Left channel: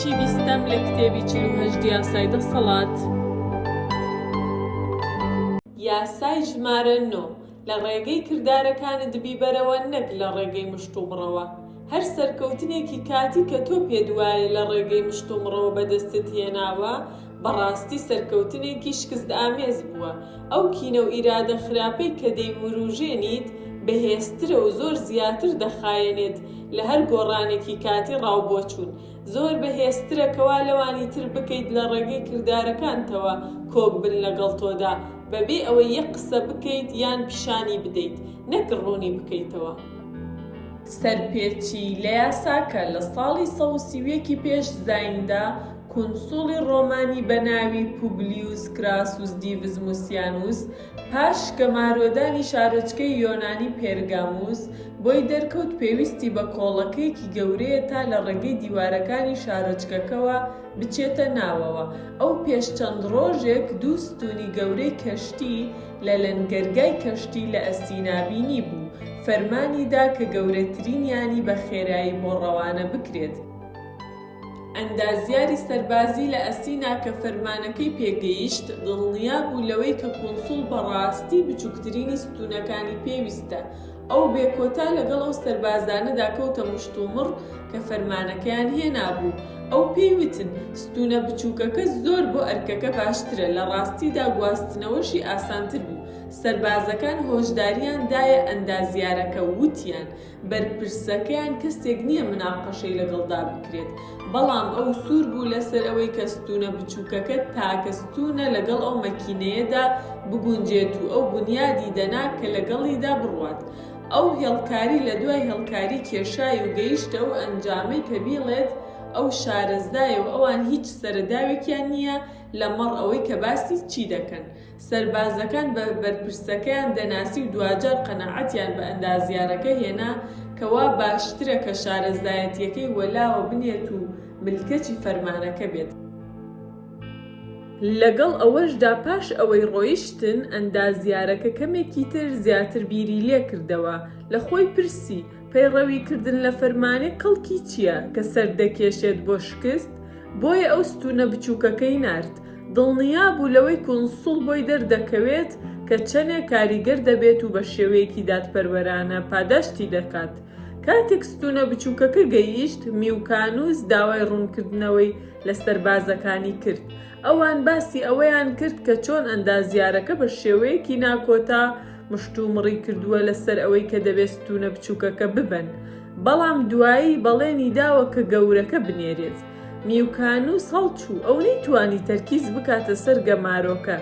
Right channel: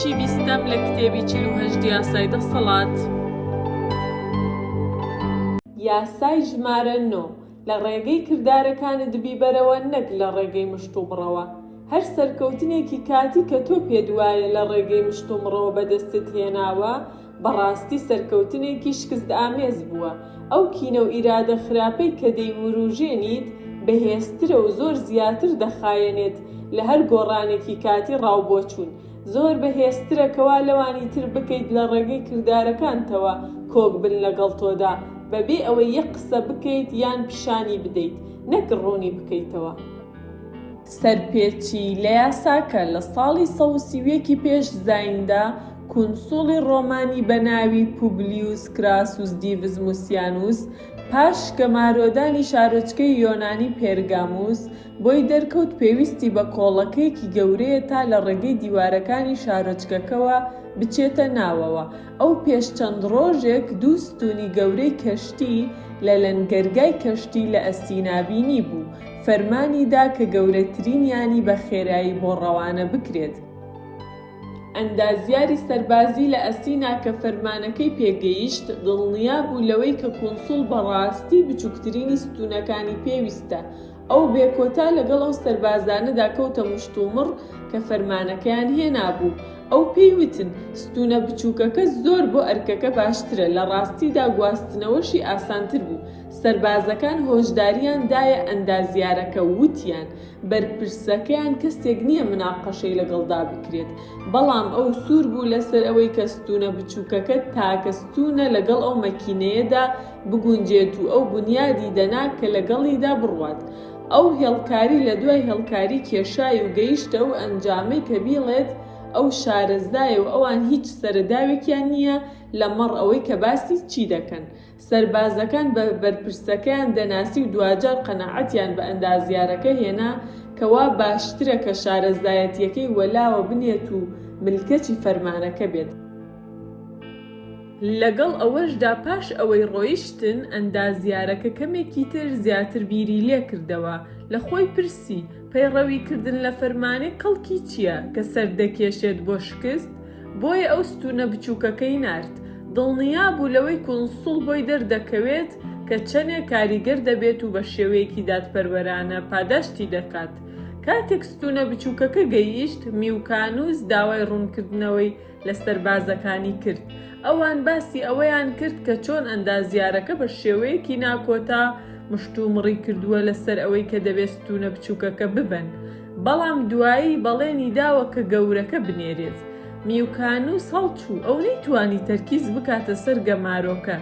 بەشی بیستەم لە کتێبی 48 یاسای دەسەڵات. یاسای ژمارە 9 لە ڕێگەی کردارەکانت بیبەرەوە نەک لە ڕێگەی مشتومڕەوە. هەر سەرکەوتنێکی کاتی کە تۆ پێت وایە لە ڕێگەی مشتومڕەوە بەدەستت هێناوە بەڕاستی سەرکەوتنێکی شکست ئامێز بووە. ئەو کینە و ئیرادە خراپەی کە دەیوروژێنیت بەهێزترە و زۆر زیاتر دەخایەنێت لە هەر گۆڕانێکی کاتی ڕاوبۆچوون. زۆر بەهێزترە کەوا لەوانی تر بکەیت لە ڕێگەی کردارەکانتەوە کۆک بن لەگەڵ تۆدا بەبێ ئەوەی یەک قسە بکەیت یان پیشانی بدەیت نەک ڕوونی بکەیتەوە. سەرپێچی لە یاساکە لە ساڵی 130 پێش زایندا کونسوڵی ڕۆمانی بە ناوی پوبلیوس کراسوس دیڤز موسیانوس پاش گەمارۆدانی شارۆچکەی یۆنانی پێرگاموس بۆی دەرکەوت پێویستی بە کۆڵەکەیەکی گەورەیە تا لە ڕێگەی دیوارەکانی شارۆچکەکەوە بچێتە ناوەوە. ئەو پێش چەند ڕۆژێک دوو ستوونی گەورەی کەشتی لە لەنگەرگای کەشتی لە ئەسینابینی بوو. فەرمانیدا کە گەورەترینیانی بە خێرایی بۆ ڕەوانە بکرێت. ئەندازیاری سەربازی لە ئەسینا کە فەرمانەکەی پێگەیشت دڵنیا بوو لەوەی کە کونسوڵ بەڕاستی بچووکترینی ستوونەکانی پێویستە. ئەو بێکۆتا لەگەڵ ئەو سەربازانەدا کەوتە مشتومڕ کە فەرمانەکەیان هێنابوو. ئەو پێیوتن ستوونە بچووکەکە زۆر بۆ ئەرکەکە باشترە، لە ڕاستیدا گواستنەوەشی ئاسانتر بوو. سەربازەکان هۆشداریان دایە ئەندازیارەکە وتیان بەرپرسەکەیان کەسێک نییە مناقەشەی لەگەڵدا بکرێت، بەڵام ئەو سوور بوو لەسەر ئەوەی کە ستوونە بچووکەکە تاکە ستوونە لەگەڵ ئەو مەکینەیەدا بگونجێت و ئەو بنیادی دەنا کە لەگەڵیدا بڕوات. ئەو هێڵکاری لە دوای هێڵکاری کێشای و گەیشتە ئەو ئەنجامەی کە بیڵێت ئەو شارەزایە و ئەوان هیچ سەرداوێکیان نییە لەمەڕ ئەوەی کە باسی چی دەکەن. سەربازەکان بە بەرپرسەکەیان دەناسی و دوجار قەناعەتیان بە ئەندازیارەکە هێنا کەوا باشترە کە شارەزایەتیەکەی وەلاوە بنێت و ملکەتی فەرمانەکە بێت. لەگەڵ ئەوەشدا پاش ئەوەی ڕۆیشتن ئەندازیارەکە کەمێکی تر زیاتر بیری لێ کردەوە. لە خۆی پرسی پەیڕەویکردن لە فەرمانێ کەڵکی چییە کە سەردەکێشێت بۆ شکست؟ بۆیە ئەو ستوونە بچووکەکەی نارد. دڵنیا بوو لەوەی کونسوڵ بۆی دەردەکەوێت کە چەندێک کاریگەر دەبێت و بە شێوەیەکی دادپەروەرانە پاداشتی دەکات. کاتێک ستوونە بچووکەکە گەیشت میوکانوس داوای ڕوونکردنەوەی لە سەربازەکانی کرد. ئەوان باسی ئەوەیان کرد کە چۆن ئەندازیارەکە بە شێوەیەکی ناکۆتا مشتومڕی کردووە لەسەر ئەوەی کە دەبێت ستوونە بچووکەکە ببن، بەڵام دوایی بەڵێنی داوە کە گەورەکە بنێرێت. میوکانوس هەڵچوو ئەو نەیتوانی تەرکیز بکاتە سەر گەمارۆکە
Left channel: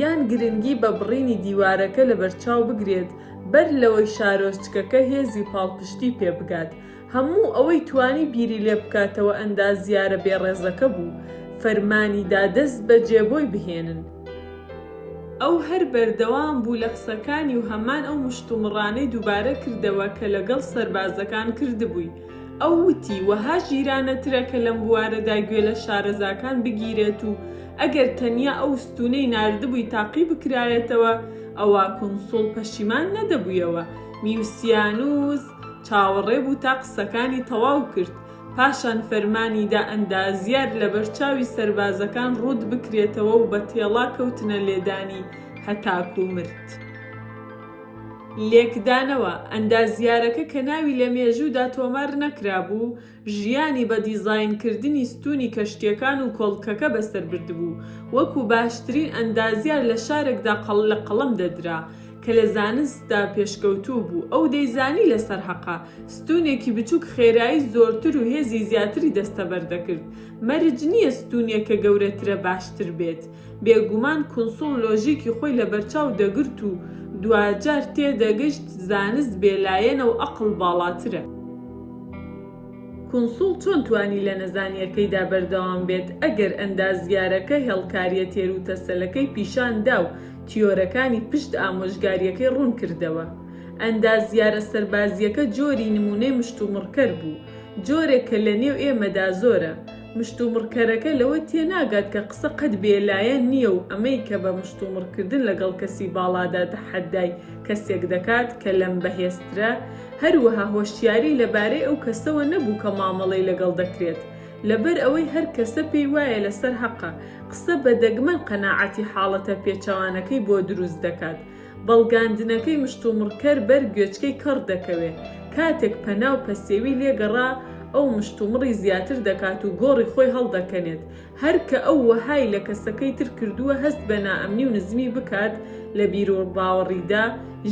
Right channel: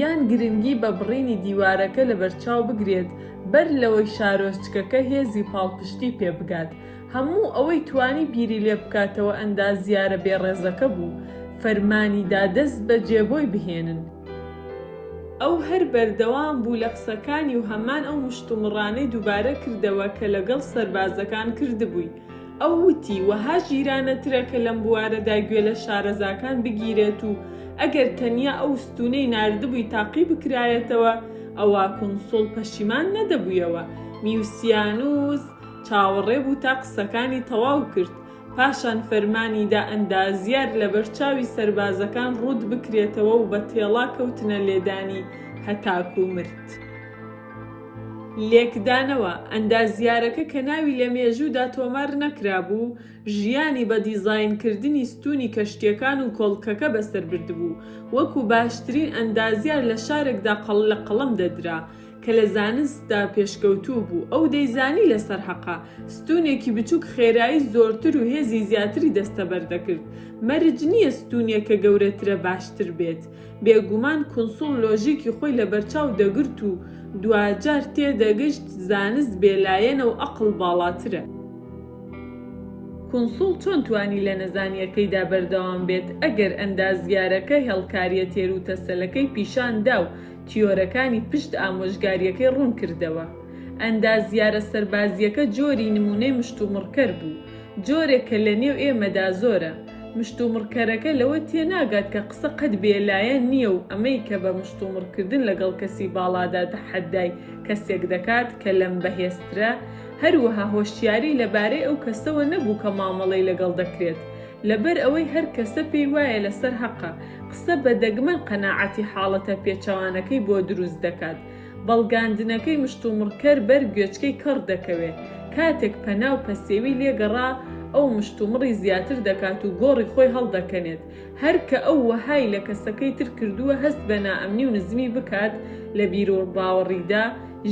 یان گرنگی بە بڕینی دیوارەکە لە بەرچاو بگرێت بەر لەوەی شارۆچکەکە هێزی پاڵپشتی پێ بگات. هەموو ئەوەی توانی بیری لێ بکاتەوە ئەندازیارە بێڕێزەکە بوو. فەرمانیدا دەست بە جێبۆی بهێنن. ئەو هەر بەردەوام بوو لە قسەکانی و هەمان ئەو مشتومڕانەی دووبارە کردەوە کە لەگەڵ سەربازەکان کردبووی. ئەو وتی وەها ژیرانەترە کە لەم بوارەدا گوێ لە شارەزاکان بگیرێت و ئەگەر تەنیا ئەو ستوونەی ناردبووی تاقی بکرایەتەوە ئەوە کونسوڵ پەشیمان نەدەبوویەوە. میوسیانوس چاوەڕێ بوو تا قسەکانی تەواو کرد. پاشان فەرمانیدا ئەندازیار لە بەرچاوی سەربازەکان ڕوود بکرێتەوە و بە تێڵا کەوتنە لێدانی هەتاکو مرد. لێکدانەوە ئەندازیارەکە کە ناوی لە مێژوودا تۆمار نەکرابوو ژیانی بە دیزاینکردنی ستوونی کەشتیەکان و کۆڵکەکە بەسەر بردبوو. وەکو باشترین ئەندازیار لە شارێکدا قەڵ لە قەڵەم دەدرا کە لە زانستدا پێشکەوتوو بوو. ئەو دەیزانی لەسەر حەقا ستوونێکی بچووک خێرایی زۆرتر و هێزی زیاتری دەستەبەردەکرد. مەرج نییە ستوونێکە گەورەترە باشتر بێت. بێگومان کونسوڵ لۆژیکی خۆی لە بەرچاو دەگرت و دوجار تێدەگەشت زانست بێلایەنە و ئەقڵ باڵاترە. کونسوڵ چۆن توانی لە نەزانیەکەیدا بەردەوام بێت ئەگەر ئەندازیارەکە هێڵکاریە تێروتەسەلەکەی پیشاندا و تیۆرەکانی پشت ئامۆژگاریەکەی ڕوون کردەوە. ئەندازیارە سەربازیەکە جۆری نمونەی مشتومڕکەر بوو، جۆرێک کە لە نێو ئێمەدا زۆرە. مشتومڕکەرەکە لەوە تێناگات کە قسە قەت بێلایەن نییە و ئەمەی کە بە مشتومڕکردن لەگەڵ کەسی باڵادا تەحەدای کەسێک دەکات کە لەم بەهێزترە. هەروەها هۆشیاری لەبارەی ئەو کەسەوە نەبوو کە مامەڵەی لەگەڵ دەکرێت. لەبەر ئەوەی هەر کەسە پێی وایە لەسەر حەقە قسە بە دەگمەن قەناعەتی حاڵەتە پێچەوانەکەی بۆ دروست دەکات. بەڵگاندنەکەی مشتومڕکەر بەر گوێچکەی کەڕ دەکەوێت. کاتێک پەنا و پەسێوی لێگەڕا ئەو مشتومڕی زیاتر دەکات و گۆڕی خۆی هەڵدەکەنێت. هەر کە ئەو وەهای لە کەسەکەی تر کردووە هەست بە نائەمنی و نزمی بکات لە بیرۆباوەڕیدا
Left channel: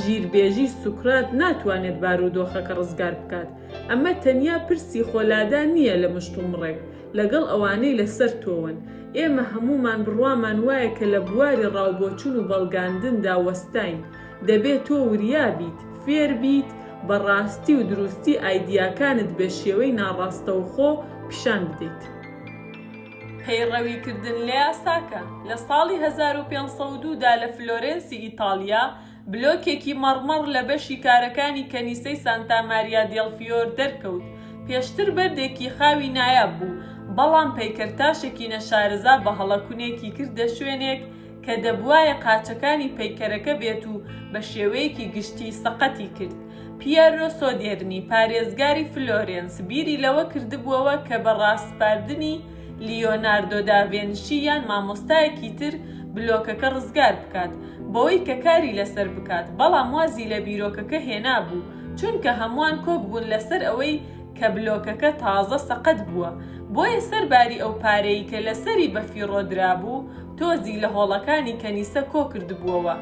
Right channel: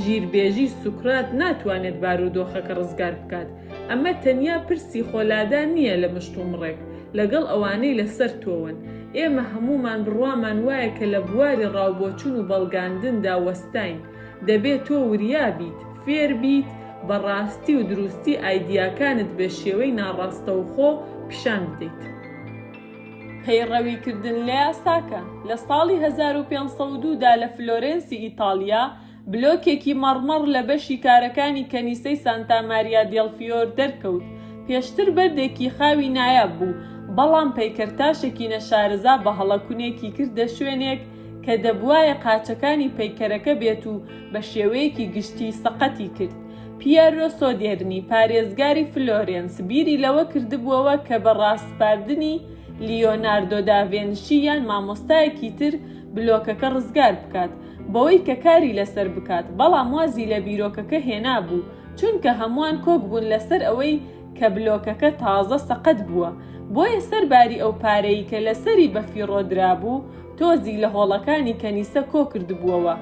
ژیربێژی سوکرات ناتوانێت بارودۆخەکە ڕزگار بکات. ئەمە تەنیا پرسی خۆلادان نییە لە مشتومڕێک لەگەڵ ئەوانەی لەسەر تۆون. ئێمە هەمومان بڕوامان وایە کە لە بواری ڕاوبۆچوون و بەڵگاندندا وەستاین. دەبێت تۆ وریابیت، فێر بیت، بەڕاستی و دروستی ئایدیاکانت بە شێوەی ناڕاستەوخۆ پیشان بدەیت. پەیڕەویکردن لە یاساکە. لە ساڵی 1502دا لە فلۆرێنسی ئیتاڵیا بلۆکێکی مەڕمەڕ لە بەشی کارەکانی کەنیسەی سانتا ماریا دێڵ فیۆر دەرکەوت. پێشتر بەردێکی خاوی نایاب بوو، بەڵام پەیکەرتاشێکی نەشارەزا بە هەڵەکوونێکی کردە شوێنێک کە دەبوایە قاچەکانی پەیکەرەکە بێت و بە شێوەیەکی گشتی سەقەتی کرد. پیێرۆ سۆدێرنی پارێزگاری فلۆرێنس بیری لەوە کردبووەوە کە بە ڕاستپاردنی لیۆناردۆ داڤێنشی یان مامۆستایەکی تر بلۆکەکە ڕزگار بکات بەوەی کە کاری لەسەر بکات، بەڵام وازی لە بیرۆکەکە هێنا بوو چونکە هەمووان کۆک بوون لەسەر ئەوەی کە بلۆکەکە تازە سەقەت بووە. بۆیە سەرباری ئەو پارەی کە لەسەری بەفیڕۆدرا بوو تۆزی لە هۆڵەکانی کەنیسە کۆ کردبووەوە.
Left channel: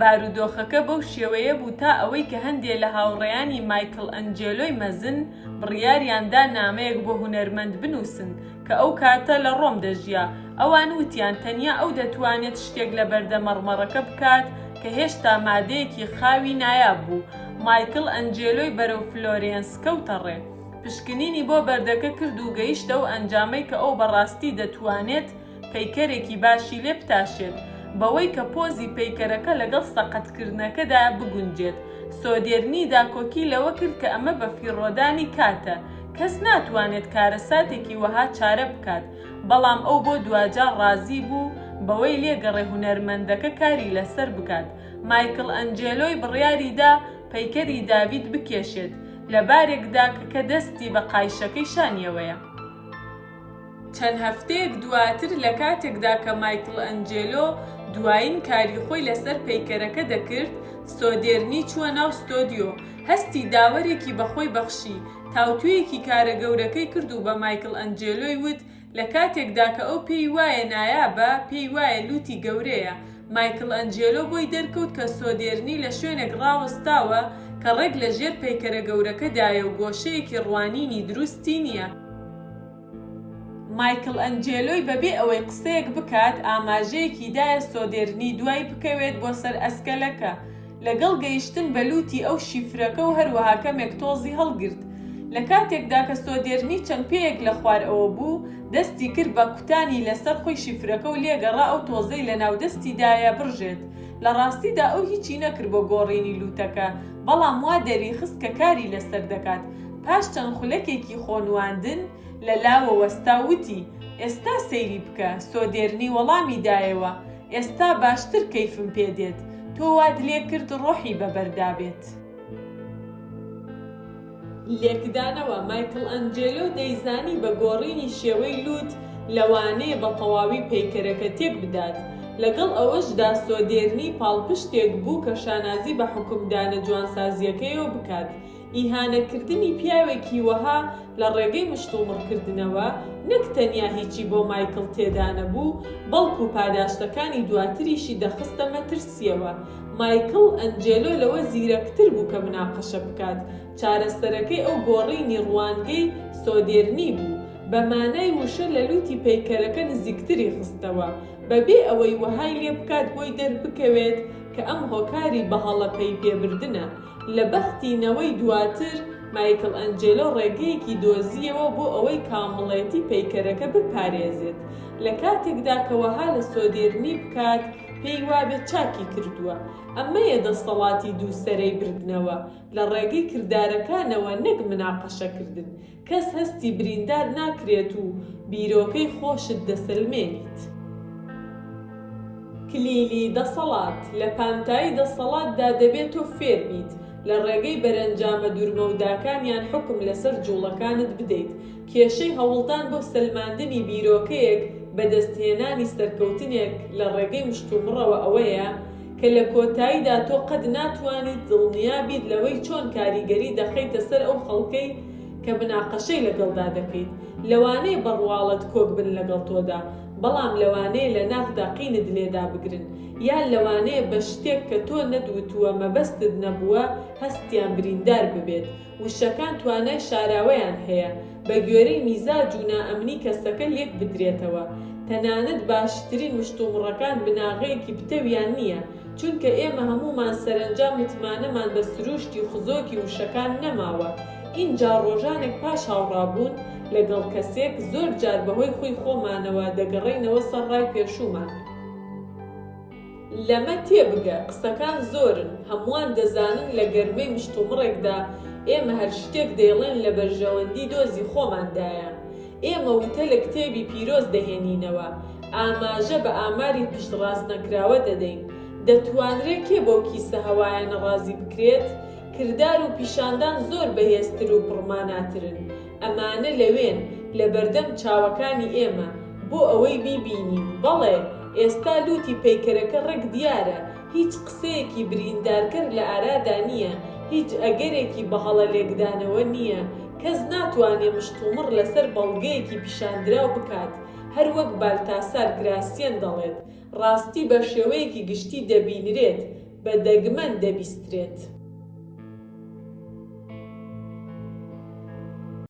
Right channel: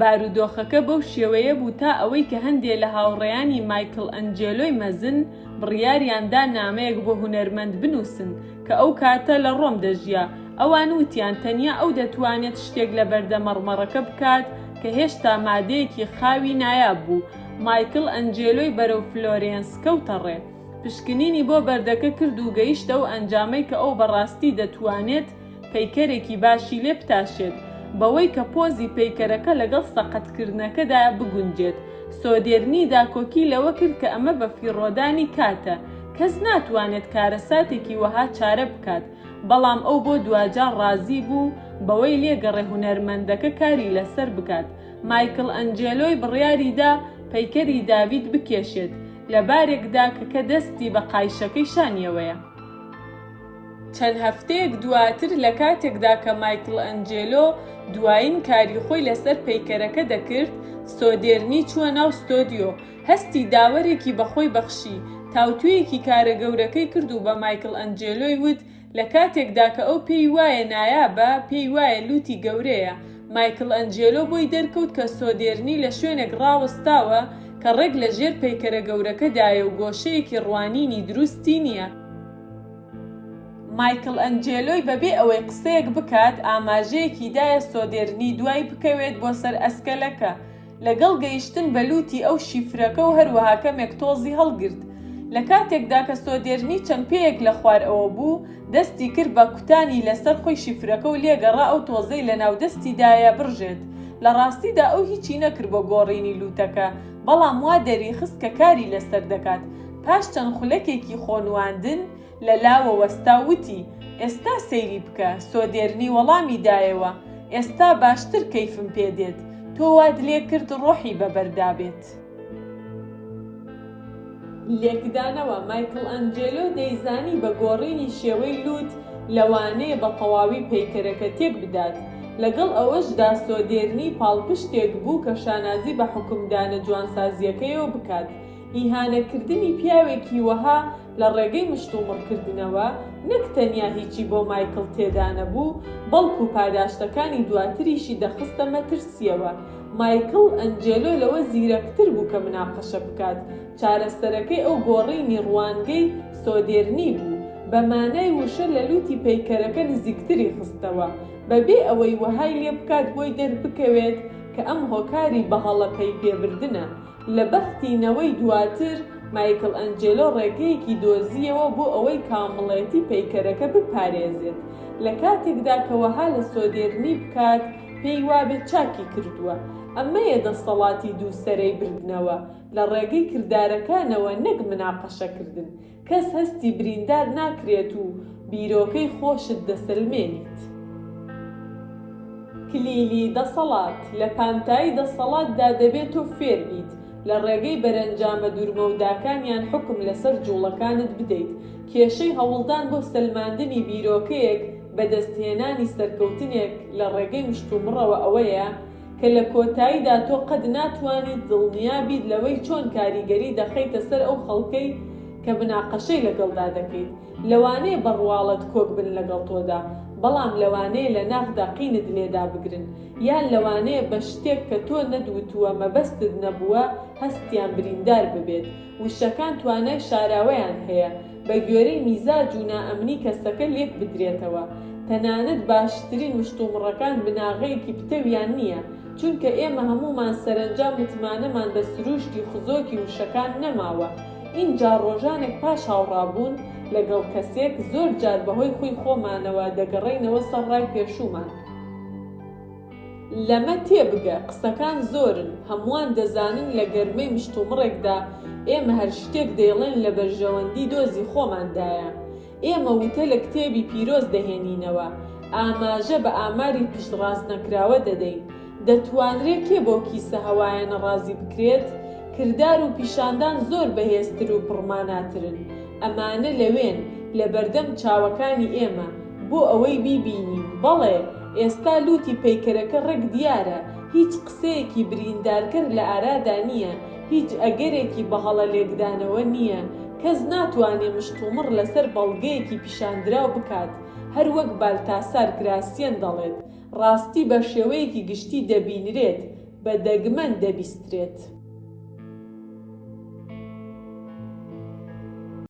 بارودۆخەکە بەو شێوەیە بوو تا ئەوەی کە هەندێک لە هاوڕێیانی مایکل ئەنجێلۆی مەزن بڕیاریاندا نامەیەک بۆ هونەرمەند بنووسن کە ئەو کاتە لە ڕۆم دەژیا. ئەوان وتیان تەنیا ئەو دەتوانێت شتێک لە بەردە مەڕمەڕەکە بکات کە هێشتا مادەیەکی خاوی نایاب بوو. مایکل ئەنجێلۆی بەرەو فلۆرێنس کەوتە ڕێ. پشکنینی بۆ بەردەکە کرد و گەیشتە و ئەنجامەی کە ئەو بەڕاستی دەتوانێت پەیکەرێکی باشی لێ بتاشێت بەوەی کە پۆزی پەیکەرەکە لەگەڵ سەقەتکردنەکەدا بگونجێت. سۆدێرنی داکۆکی لەوە کرد کە ئەمە بە فیڕۆدانی کاتە، کەس ناتوانێت کارەساتێکی وەها چارە بکات، بەڵام ئەو بۆ دوجار ڕازی بوو بەوەی لێگەڕێ هونەرمەندەکە کاری لەسەر بکات. مایکل ئەنجێلۆی بڕیاریدا پەیکەری داڤید بکێشێت لە بارێکدا کە دەستی بە قایشەکەی شانیەوەیە. چەند هەفتەیەک دواتر لە کاتێکدا کە مایکل ئەنجێلۆ دوایین کاری خۆی لەسەر پەیکەرەکە دەکرد، سۆدێرنی چووە ناو ستۆدیۆ. هەستی داوەرێکی بەخۆی بەخشی، تاوتویەکی کارە گەورەکەی کرد و بە مایکل ئەنجێلۆی وت لە کاتێکدا کە ئەو پێی وایە نایابە، پێی وایە لوتی گەورەیە. مایکل ئەنجێلۆ بۆی دەرکەوت کە سۆدێرنی لە شوێنێک ڕاوەستاوە کە ڕێک لە ژێر پەیکەرە گەورەکەدایە و گۆشەیەکی ڕوانینی دروستی نییە. مایکل ئەنجێلۆی بەبێ ئەوەی قسەیەک بکات ئاماژەیەکی دایە سۆدێرنی دوای بکەوێت بۆ سەر ئەسکەلەکە. لەگەڵ گەیشتن بە لوتی ئەو شیفرەکە و هەروەها کەمێک تۆزی هەڵگرت. لە کاتێکدا کە سۆدێرنی چەمپەیەک لە خوارەوە بوو، دەستی کرد بە کوتانی لەسەر خۆی شیفرەکە و لێگەڕا ئەو تۆزەی لە ناو دەستیدایە بڕژێت. لە ڕاستیدا ئەو هیچی نەکرد بۆ گۆڕینی لوتەکە، بەڵام وا دەریخست کە کاری لەسەر دەکات. پاش چەند خولەکێکی خۆنواندن لە لاوە وەستا وتی ئێستا سەیری بکە. سۆدێرنی وەڵامی دایەوە ئێستا باشتر کەیفم پێدێت، تۆ واد لێ کرد ڕۆحی بەبەردابێت. لێکدانەوە مایکل ئەنجێلۆ دەیزانی بە گۆڕینی شێوەی لوت لەوانەیە بە تەواوی پەیکەرەکە تێک بدات. لەگەڵ ئەوەشدا سۆدێرنی پاڵپشتێک بوو کە شانازی بە حکومدانە جوانسازیەکەیەوە بکات. ئیهانەکردنی پیاوێکی وەها لە ڕێگەی مشتومڕکردنەوە نەک تەنیا هیچی بۆ مایکل تێدا نەبوو، بەڵکو پاداشتەکانی دواتریشی دەخستە مەترسیەوە. مایکل ئەنجێلۆ لەوە زیرەکتر بوو کە مناقەشە بکات. چارەسەرەکەی ئەو گۆڕینی ڕوانگەی سۆدێرنی بوو، بە مانای وشە لە لوتی پەیکەرەکە نزیکتری خستەوە، بەبێ ئەوەی وەهای لێ بکات بۆی دەربکەوێت کە ئەم هۆکاری بەهەڵەپەی پێبردنە. لە بەختینەوەی دواتر مایکل ئەنجێلۆ ڕێگەیەکی دۆزیەوە بۆ ئەوەی کامڵێتی پەیکەرەکە بپارێزێت. لە کاتێکدا کە وەها لە سۆدێرنی بکات پێی وابێت چاکی کردووە. ئەمەیە دەسەڵاتی دووسەرەی بردنەوە لە ڕێگەی کردارەکانەوە، نەک مناقەشەکردن. کەس هەستی بریندار ناکرێت و بیرۆکەی خۆشت دەسەلمێنیت. کلیلی دەسەڵات. لە پانتایی دەسەڵاتدا دەبێت تۆ فێر بیت، لە ڕێگەی بەرەنجامە دوورمەوداکانیان حکم لەسەر جوڵەکانت بدەیت. کێشەی هەوڵدان بۆ سەلماندنی بیرۆکەیەک بەدەستهێنانی سەرکەوتنێک لە ڕێگەی مشتومڕەوە ئەوەیە کە لە کۆتاییدا تۆ قەت ناتوانیت دڵنیابیت لەوەی چۆن کاریگەری دەخەیتە سەر ئەو خەڵکەی کە مناقەشەی لەگەڵدا دەکەیت. لەوانەیە بەڕواڵەت کۆک بن لەگەڵ تۆدا، بەڵام لەوانەیە لە ناخدا قینت لێدا بگرن، یان لەوانەیە بە شتێک کە تۆ نەدوتووە مەبەستت نەبووە هەستیان بریندار ببێت. وشەکان توانای شاراوەیان هەیە بە گوێرەی میزاج و نائەمنی کەسەکە لێک بدرێتەوە. تەنانەت باشترین مشتومڕەکان بناغەیەکی پتەویان نییە، چونکە ئێمە هەمومان سەرنجام متمانەمان بە سروشتی خزۆکی وشەکان نەماوە. اینجا ڕۆژانێک پاش هاوڕابوون لەگەڵ کەسێک زۆر جار بەهۆی خۆی خۆمانەوە دەگەڕێینەوە سەر ڕای پێشومان. لەمە تێبگە قسەکان زۆرن، هەمووان دەزانن لە گەرمەی مشتومڕێکدا ئێمە هەر شتێک دەیڵێن لە بەرژەوەندی دۆزی خۆماندایە. ئێمە وتە لە کتێبی پیرۆز دەهێنینەوە، ئاماژە بە ئاماری پشتڕاست نەکراوە دەدەین. دەتوانرێت کێ بۆ کیسە هەوایانە ڕازی بکرێت؟ کردار و پیشاندان زۆر بەهێزتر و پڕماناترن. ئەمانە لەوێن لە بەردەم چاوەکانی ئێمە بۆ ئەوەی بیبینین. بەڵێ ئێستا لوتی پەیکەرەکە ڕێک دیارە، هیچ قسەیەکی بریندارکەر لە ئارادا نییە، هیچ ئەگەرێکی بەهەڵە لێکدانەوە نییە. کەس ناتوانێت مشتومڕ لەسەر بەڵگەیەکی پیشاندراو بکات. هەر وەک بالتاسار گراسیەن دەڵێت، ڕاستی بە شێوەیەکی گشتی دەبینرێت، بە دەگمەن دەبیسترێت.